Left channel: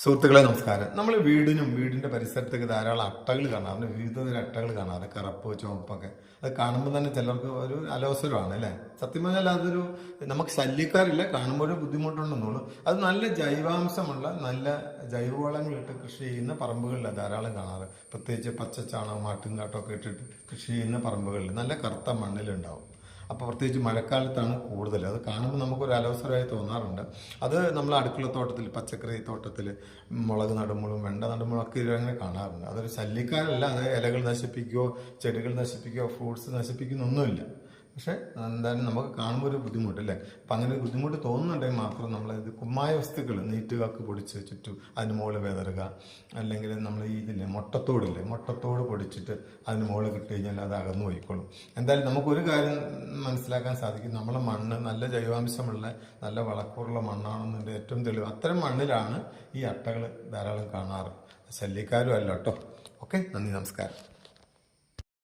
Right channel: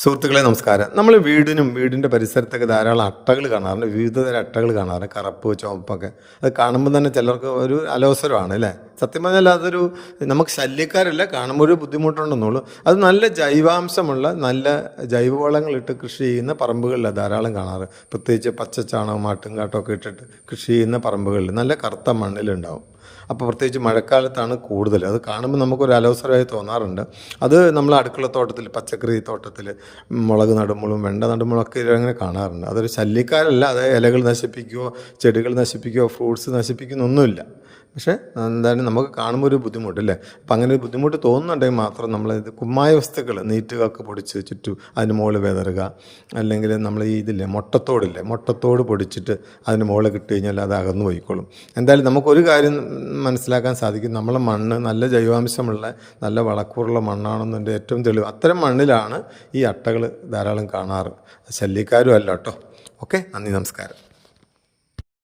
സുഹൃത്തുക്കളെ നമസ്കാരം. നമ്മൾ വീടിൻ്റെ പരിസരത്തൊക്കെ ധാരാളം അട്ടകൾ കാണാറുണ്ട്. വിവിധ തരം അട്ടകൾ കാണാറുണ്ട്. കറുപ്പ്, ചുവപ്പൊക്കെ. അത് കാണുമ്പോൾ തന്നെ ചിലർക്ക് ഒരു അലോസരമാണ് അല്ലേ? സത്യം പറഞ്ഞാൽ അതൊരു നമുക്ക് ശല്യക്കാരില്ല, കാണുമ്പോൾ ഒരു ബുദ്ധിമുട്ടുണ്ടെന്നുള്ളൂ. അത് നല്ല ജൈവാംശമുള്ള നല്ല ജൈവവളങ്ങളിട്ട് കൃഷി ചെയ്യുന്ന പറമ്പുകളിലാണ് ധാരാളം കാണാറ്. പ്രത്യേകിച്ച് പച്ചച്ചാണകം ആട്ടുംകാട്ടമൊക്കെ ഇട്ടിട്ട് കൃഷി ചെയ്യുന്ന പറമ്പുകളിൽ നല്ല കറുത്ത മണ്ണിലുണ്ടാവും. അപ്പോൾ പ്രത്യേകിച്ച് മഴക്കാലത്താണ് കൂടുതൽ. അത് കാണുമ്പോൾ നമുക്കൊരു അലോസരമായി തോന്നാറുണ്ട്. അത് നമ്മൾ അടുക്കളത്തോട്ടത്തിൽ, പച്ചക്കറി തോട്ടത്തിൽ മുളക് നടുമ്പോഴും വെണ്ട നടുമ്പോഴും ഒക്കെ അങ്ങനെ കാണാറുണ്ട്. അതൊരു ശല്യക്കാരല്ല, അത് ഇലകൾ നശിപ്പിക്കുകയോ ചെടികൾ നശിപ്പിക്കുകയോ ഫ്രൂട്ട്സ് നശിപ്പിക്കുന്നൊന്നുമില്ല. പക്ഷേ എന്തായാലും നമുക്ക് കാണുമ്പോൾ ഒരു ബുദ്ധിമുട്ടല്ലേ. അപ്പം അങ്ങനെ ഒരു ബുദ്ധിമുട്ട് തോന്നുന്നുണ്ടെങ്കിൽ മാത്രം നമ്മളിത് കുമ്മായ വസ്തുക്കൾ നീറ്റുകൾക്ക് പൊടിച്ച് ചുറ്റും അതിന് മുകളിൽ വിതറുക. അല്ലെങ്കിൽ നമ്മൾ ഈ മുട്ടത്തോട് പൊടിച്ചിട്ട് അതിന് മുകളിൽ കിട്ടി കഴിഞ്ഞാൽ അത് അകന്നു പോയിക്കോളും. എന്തായാലും നമുക്കൊരു കാര്യം മനസ്സിലാക്കാൻ സാധിക്കും, നമ്മളെ മണ്ണ് നല്ല ജൈവാംശമുള്ള നല്ല വളക്കൂറുള്ള മണ്ണാണെന്നതിൻ്റെ ഏറ്റവും തെളിവ്. അത്തരം മണ്ണിലാണ് ഈ അട്ടകൾ ധാരാളം കാണാറ്. ശല്യക്കാരും അല്ല കേട്ടോ. ഓക്കെ, നന്ദി, നമസ്കാരം.